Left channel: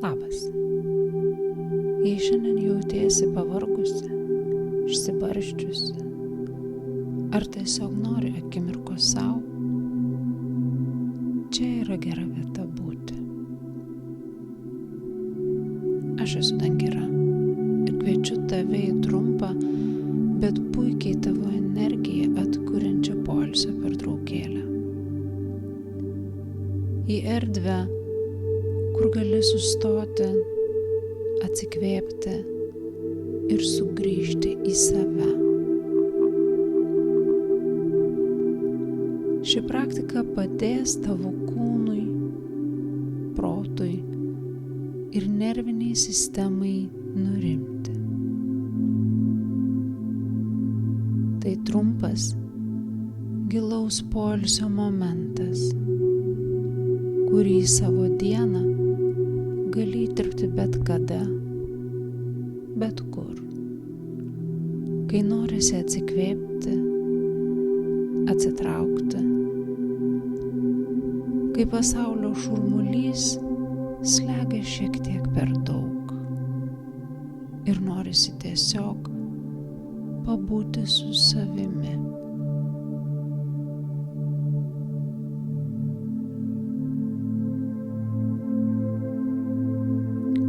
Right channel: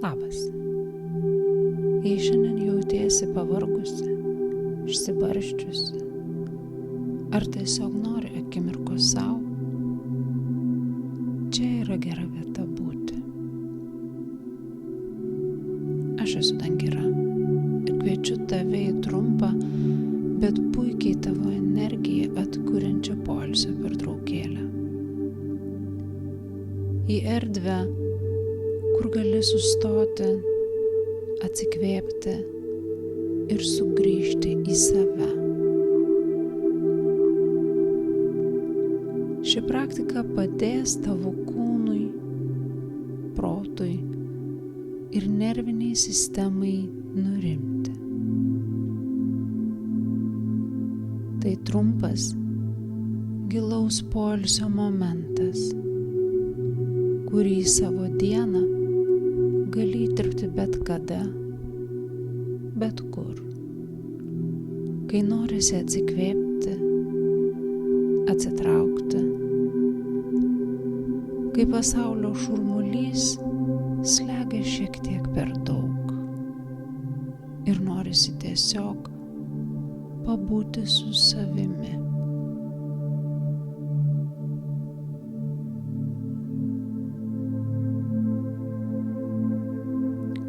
Labas. Jei šiandien jautiesi pavargusi, išsibarsčiusi, ar tiesiog nori akimirkos savo, čia yra gera vieta būti. Aš esu Dangira ir kviečiu tave į trumpą, bet puikiai tavo energiją atkuriančią poilsio pertraukėlę. Į erdvę, kur gali sustoti, atsikvėpti ir sugrįžti į save. Ši praktika padės tavo kūnui, protui ir nerviniai sistemai nurimti. Tai trumpas, gilaus poilsio momentas, kurį savo dieną gali įtirpti bet kada, bet kur. Kai norisi atsikvėpti, atsitraukti, kai pasaulio šurmulys slegia šiek tiek per daug ir norisi tiesiog pabūti su savimi.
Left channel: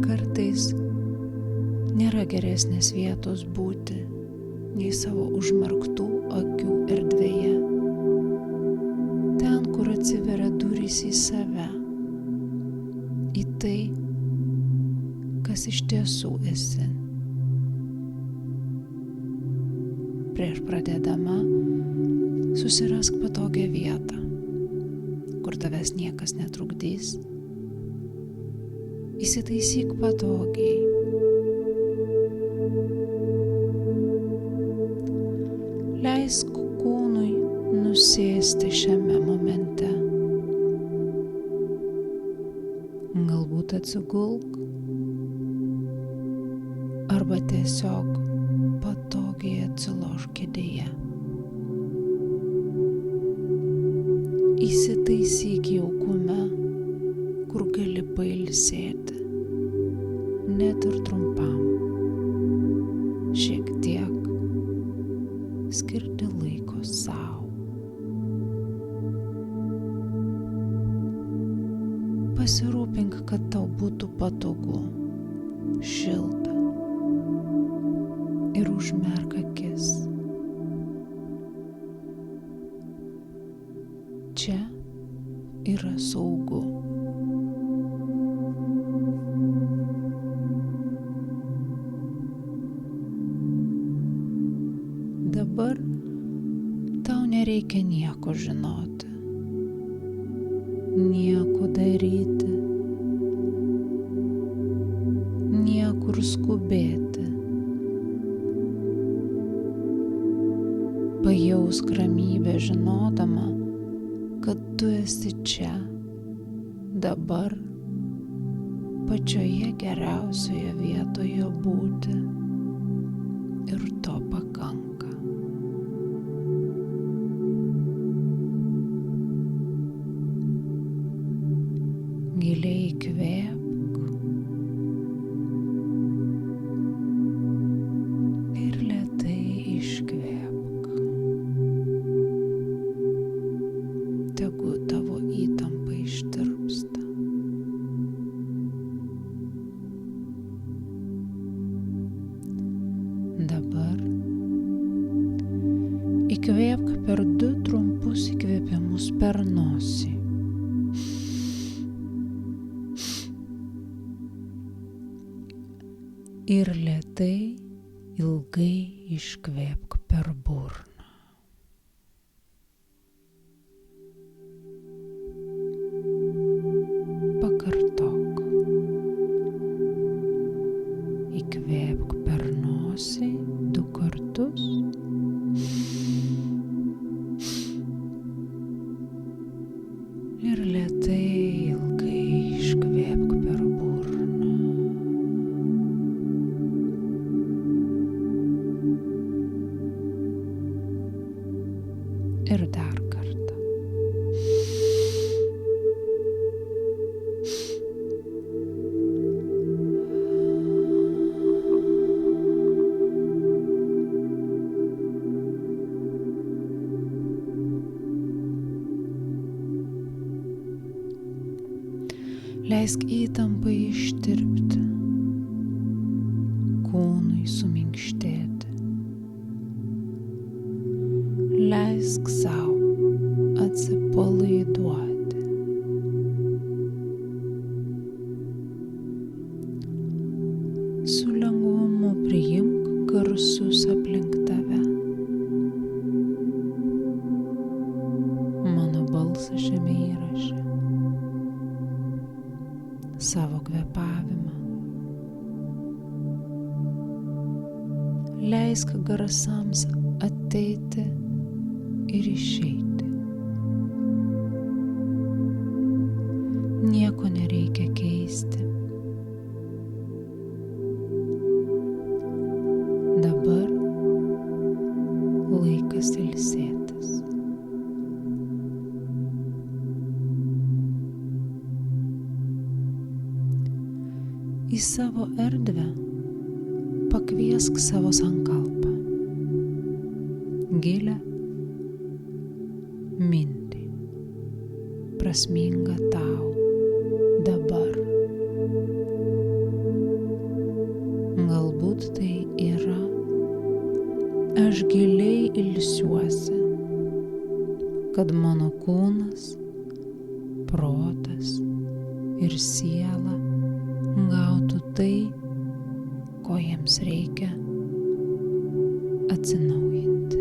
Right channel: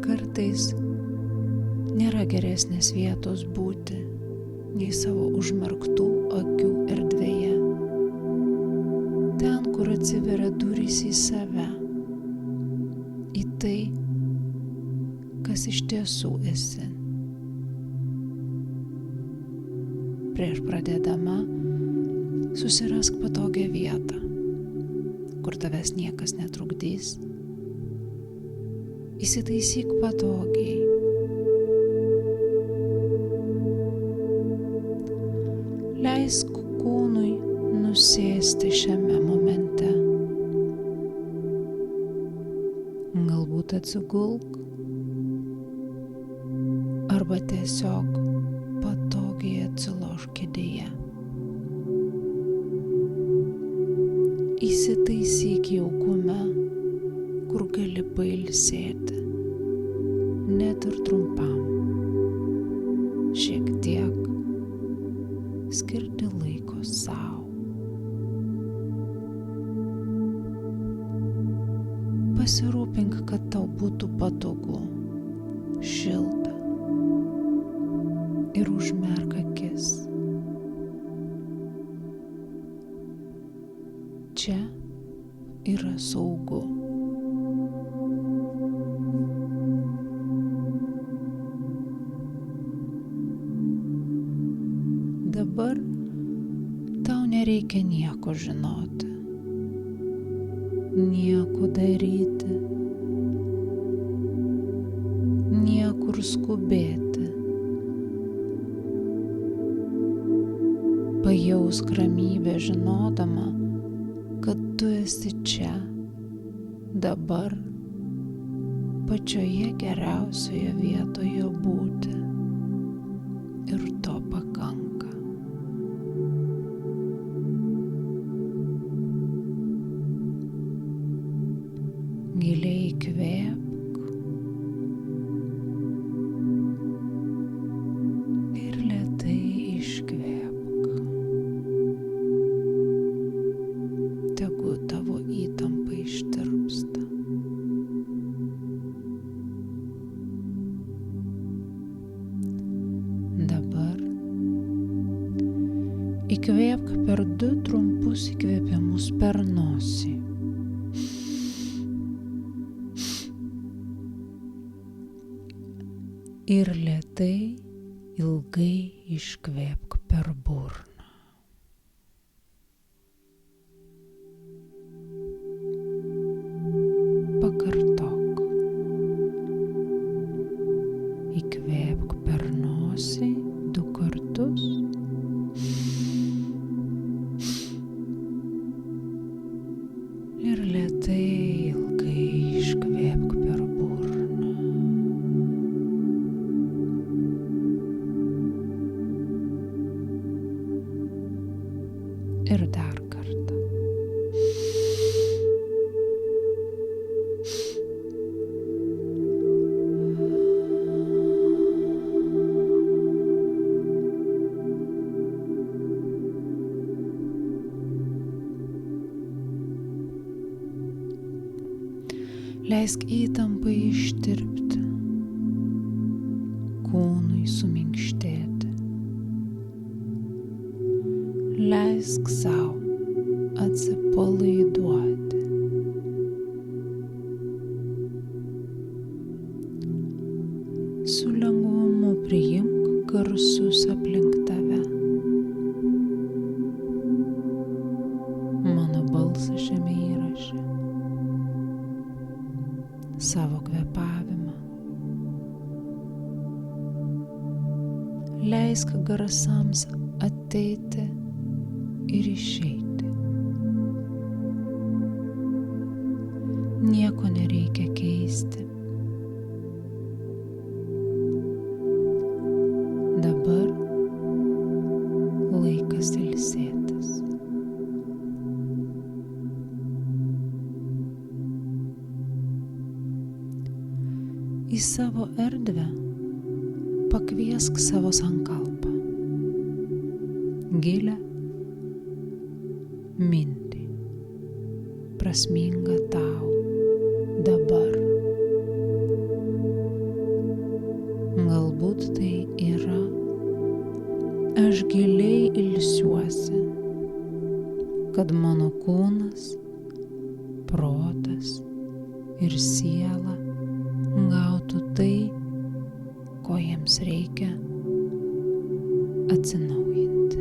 Kartais nėra geresnės vietos būti nei savo užmerktų akių erdvėje. Ten, kur atsiveria durys į save, į tai, kas iš tiesų esi. Prieš pradėdama, susirask patogią vietą, kur tavęs niekas netrukdys. Įsitaisyk patogiai. Leisk kūnui nusėsti šiame momente. Galbūt atsigulk arba tiesiog patogiai atsilošk kėdėje. Įsitaisyk jaukume, kur gali pailsėti, net ir trumpam. Šiek tiek skirti laiko sau. Pasirūpink, kad tau būtų patogu, šilta ir užmerk akis. Čia yra saugu. Dabar tau nereikia nieko žinoti, nieko daryti, niekur skubėti. Pajausk ramybę žinodama, kad tu esi čia, dabar, pačioje geriausioje vietoje būti. Ir to pakanka. Giliai įkvėpk ir lėtai iškvėpk. Tegu tavo įtampa ištirpsta. Dabar įkvėpk per 2 trumpus įkvėpimus per nosį. Ir lėtai, ilgai iškvėpk per burną. Pakartok. Įkvėpk per nosį 2 kartus. Ir lėtai, ilgai iškvėpk per burną. Ir dar kartą. Leisk įtampai ištirpti, kūnui suminkštėti. Leisk sau atsipalaiduoti. Su lengvumu priimk garsus aplink tave. Mano balsą šiame įraše, savo kvėpavimą. Leisk garsams ateiti ir išeiti. Nieko nereikia keisti. Dabar laikas ilsėtis. Į savo erdvę pakviesk savo sankalpą, gilią mintį, prasmingą tau dabar. Galbūt tai yra: aš giliai ilsiuosi, kad mano kūnas, protas ir siela gautų tai, ko jiems reikia atsinaujinti.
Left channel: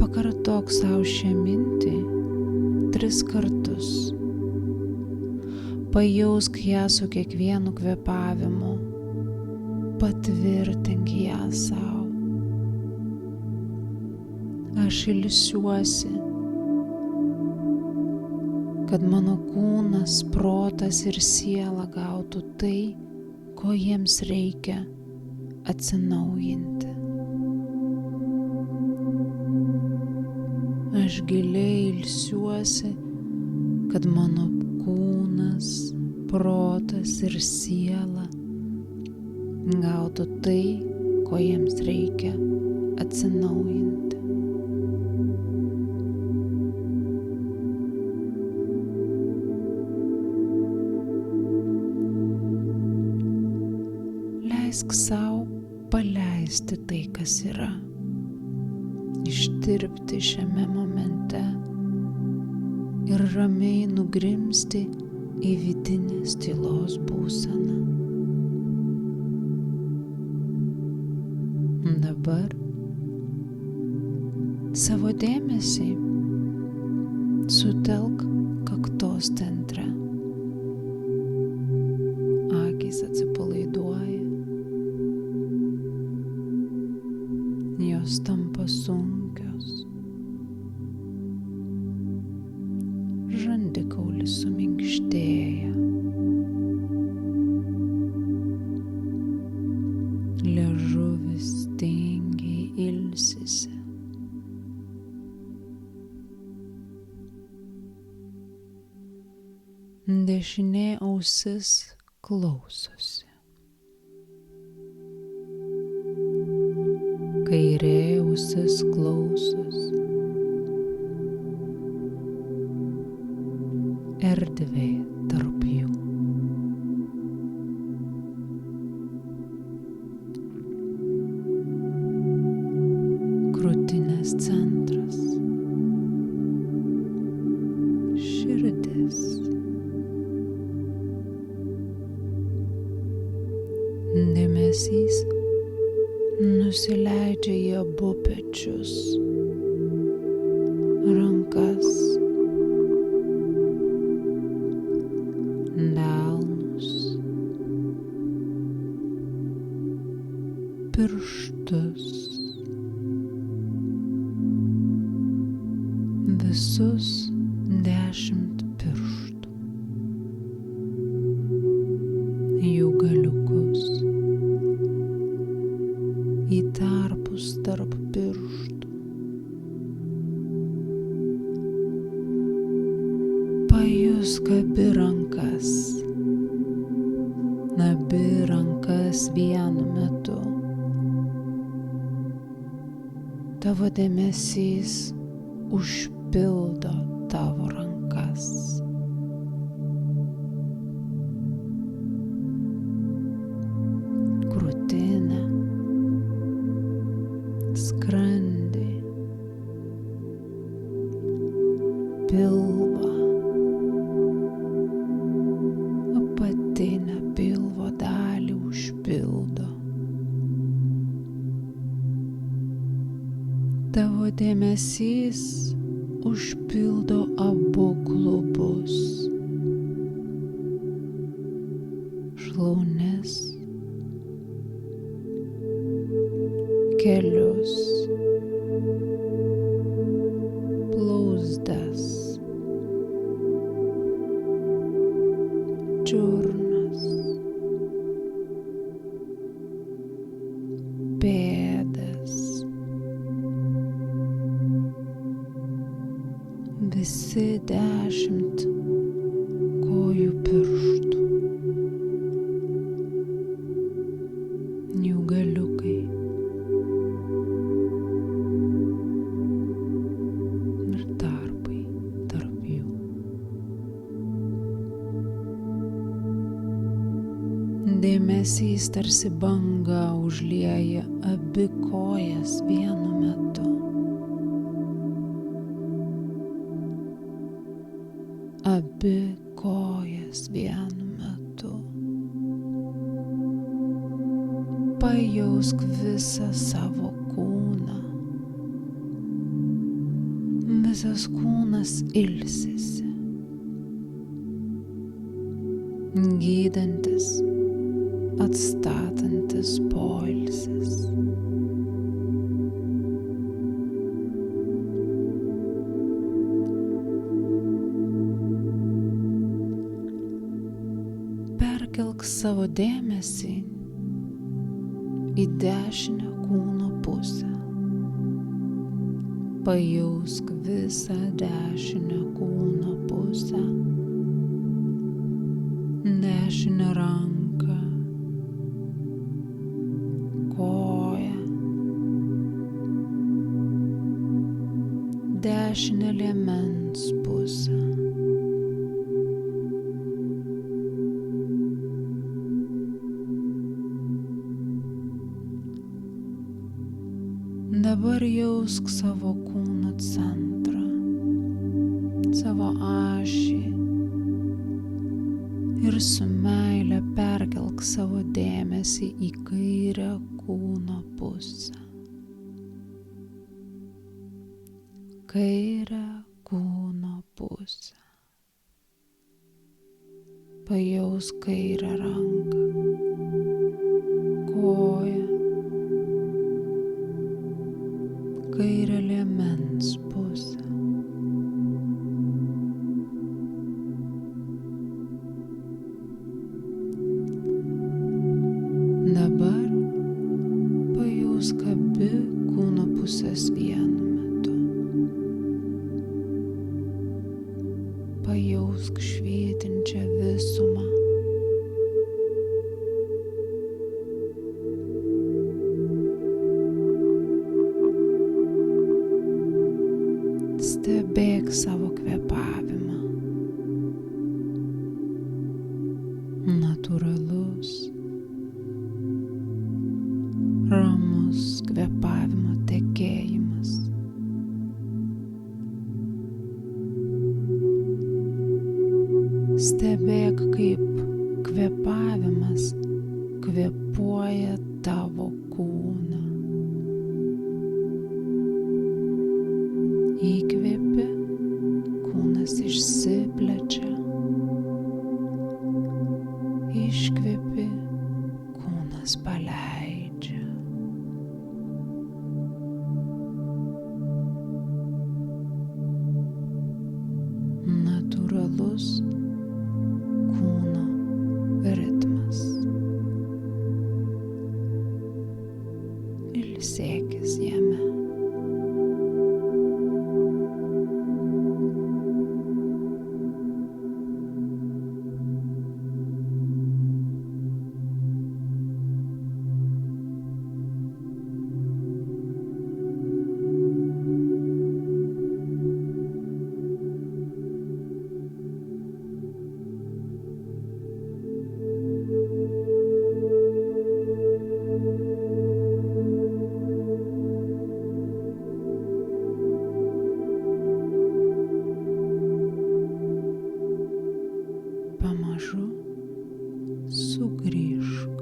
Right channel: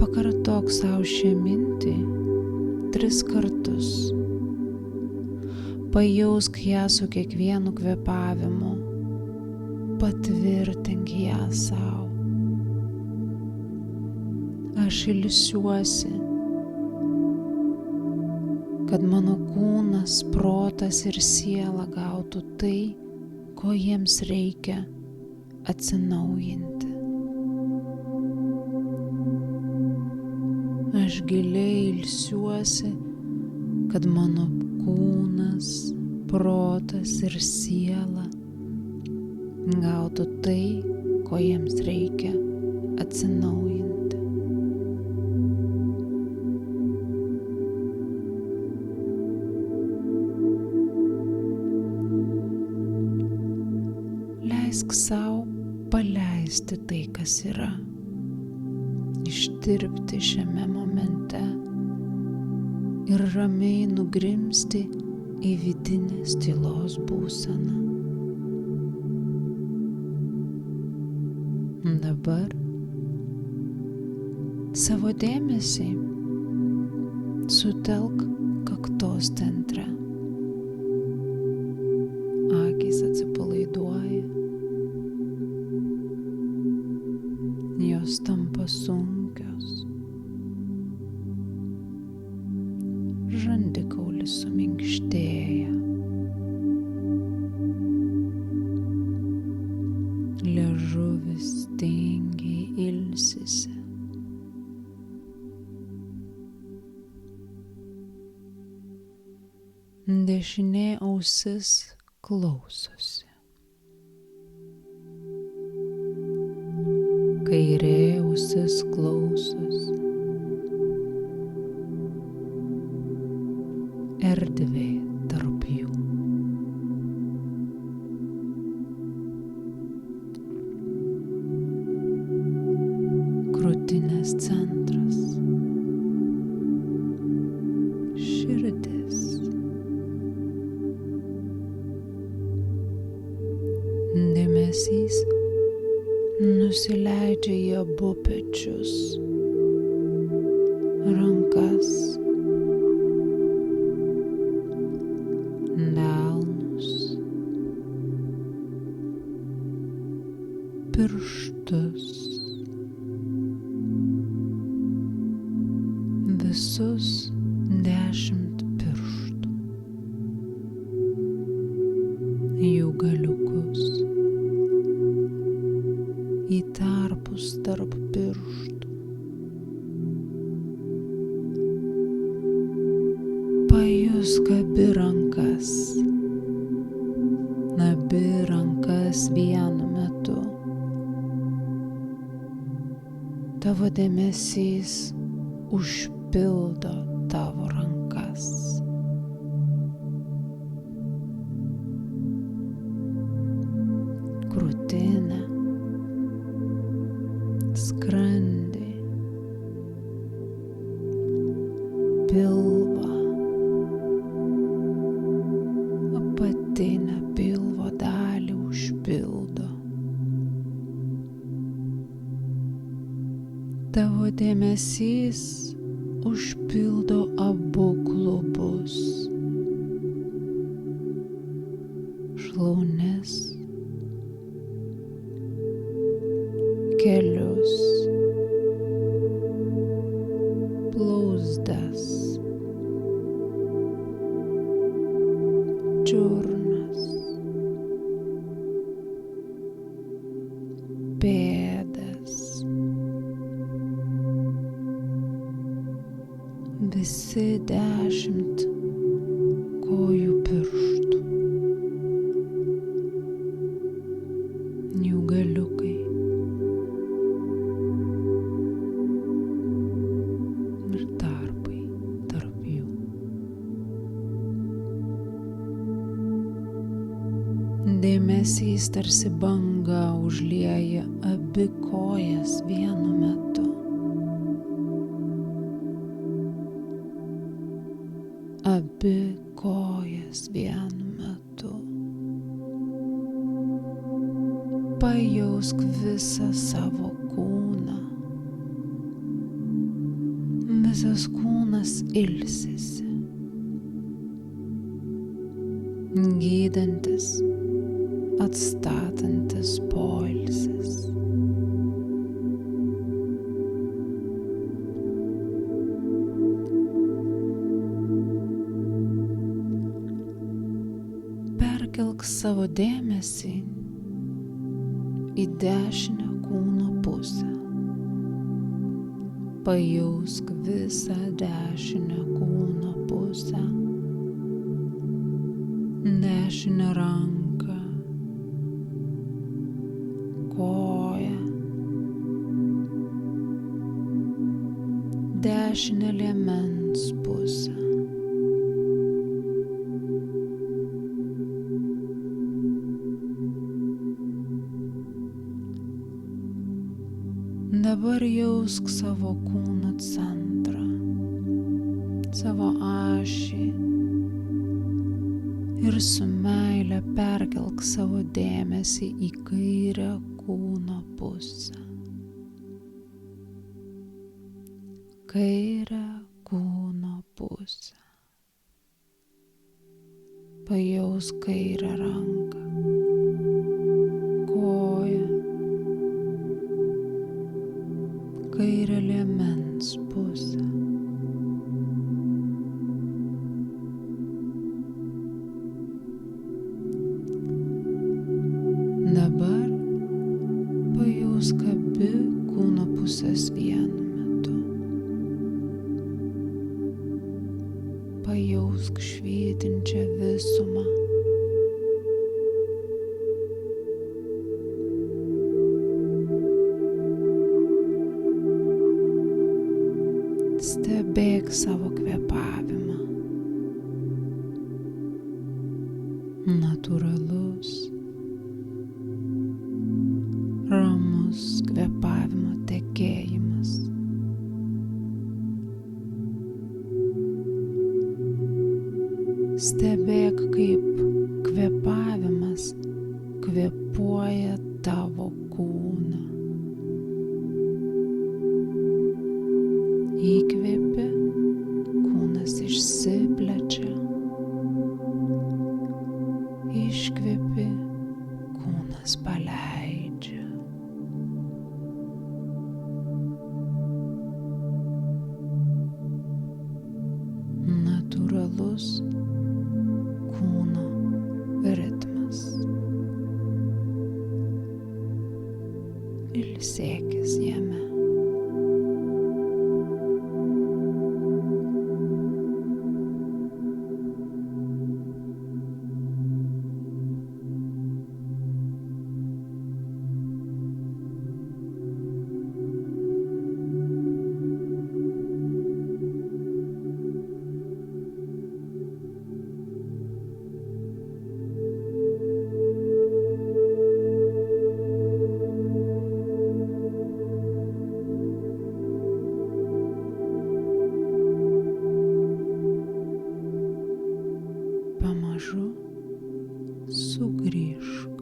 Pakartok sau šią mintį 3 kartus. Pajausk ją su kiekvienu kvėpavimu, patvirtink ją sau. Aš ilsiuosi, kad mano kūnas, protas ir siela gautų tai, ko jiems reikia atsinaujinti. Aš giliai ilsiuosi, kad mano kūnas, protas ir siela gautų tai, ko jiems reikia atsinaujinti. Leisk sau paleisti tai, kas yra, ištirpti šiame momente ir ramiai nugrimzti į vidinės tylos būseną. Dabar savo dėmesį sutelk kaktos centre. Akys atsipalaiduoja, jos tampa sunkios, žandikaulis suminkštėja, liežuvis tingiai ilsisi. Dešinė ausis klausosi, kairė ausis klausosi. Erdvė tarp jų. Krūtinės centras. Širdis. Dėmesys nusileidžia į abu pečius, rankas, delnus, pirštus, visus 10 pirštų, jų galiukus, į tarpus tarp pirštų. Pajusk abi rankas vienu metu. Tavo dėmesys užpildo pildo tavo rankas. Krūtinę, skrandį, pilvą, apatinę pilvo dalį užpildo. Tavo dėmesys užpildo abu klubus, šlaunis, kelius, blauzdas, čiurnas, pėdas, visi 10 kojų pirštų, jų galiukai ir tarpai tarp jų. Dėmesys tarsi banga užlieja abi kojas vienu metu. Abi kojas vienu metu. Pajausk visą savo kūną. Visas kūnas ilsisi. Gydantis, atstatantis poilsis. Perkelk savo dėmesį į dešinę kūno pusę. Pajausk visą dešinę kūno pusę. Dešinę ranką, koją, dešinę liemens pusę. Dabar jausk savo kūno centrą, savo ašį ir su meile perkelk savo dėmesį į kairę kūno pusę. Kairę kūno pusę. Pajausk kairę ranką, koją, kairę liemens pusę. Dabar pajausk abi kūno pusės vienu metu. Pajausk švytinčią visumą. Stebėk savo kvėpavimą. Natūralus, ramus kvėpavimo tekėjimas. Stebėk, kaip kvėpavimas kvėpuoja tavo kūną. Įkvėpi, kūnas išsiplečia. Iškvėpi, kūnas paleidžia. Natūralus kūno ritmas. Ilsėkis jame. pamažu sugrįžk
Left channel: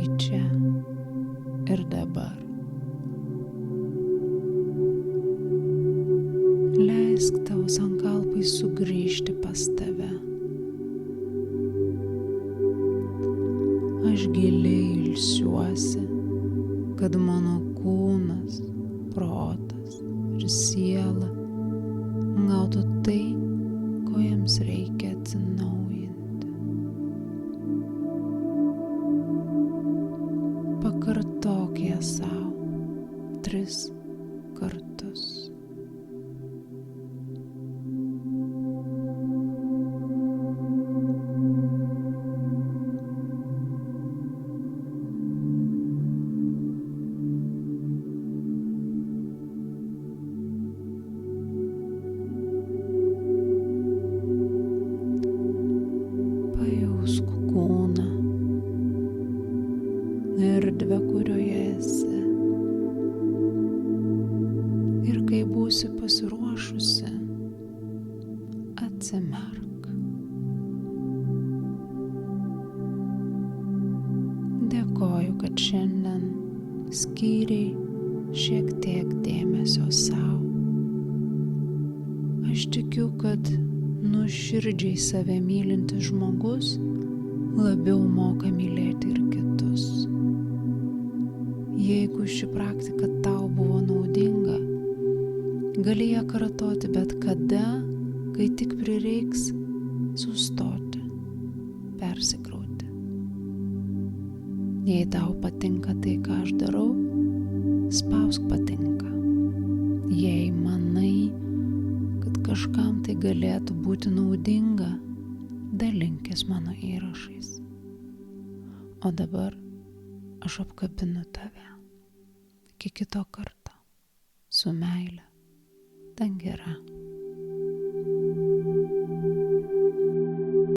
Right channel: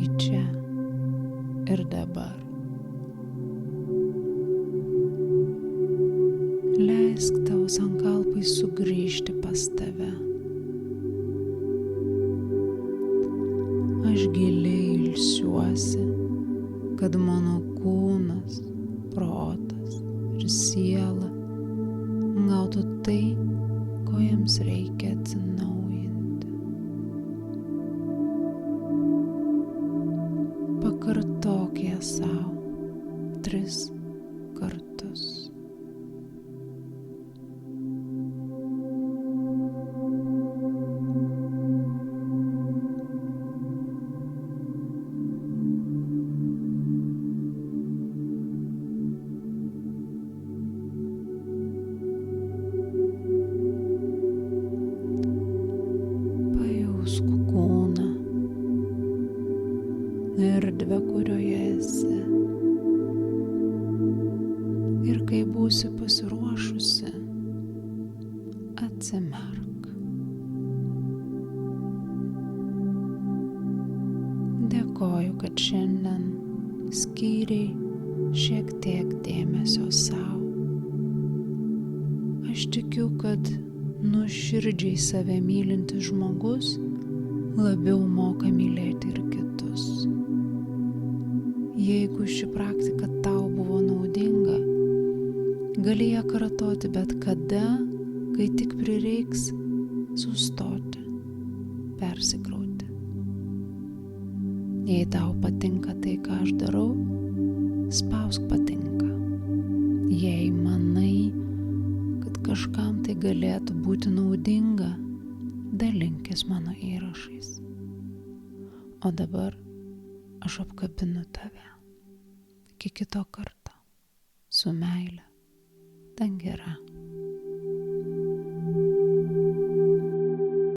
į čia ir dabar. Leisk tavo sankalpai sugrįžti pas tave. Aš giliai ilsiuosi, kad mano kūnas, protas ir siela gautų tai, ko jiems reikia atsinaujinti. Pakartok ją sau 3 kartus. Pajausk kūną, erdvę, kurioje esi. Ir kai būsi pasiruošusi, atsimerk. Dėkoju, kad šiandien skyrei šiek tiek dėmesio sau. Aš tikiu, kad nuoširdžiai save mylintis žmogus labiau moka mylėti ir kitus. Jeigu ši praktika tau buvo naudinga, gali ją kartoti bet kada, kai tik prireiks sustoti, persikrauti. Jei tau patinka tai, ką aš darau, spausk patinka. Jei manai, kad kažkam tai galėtų būti naudinga, dalinkis mano įrašais. O dabar aš apkabinu tave. Iki kito karto. Su meile. Dangira.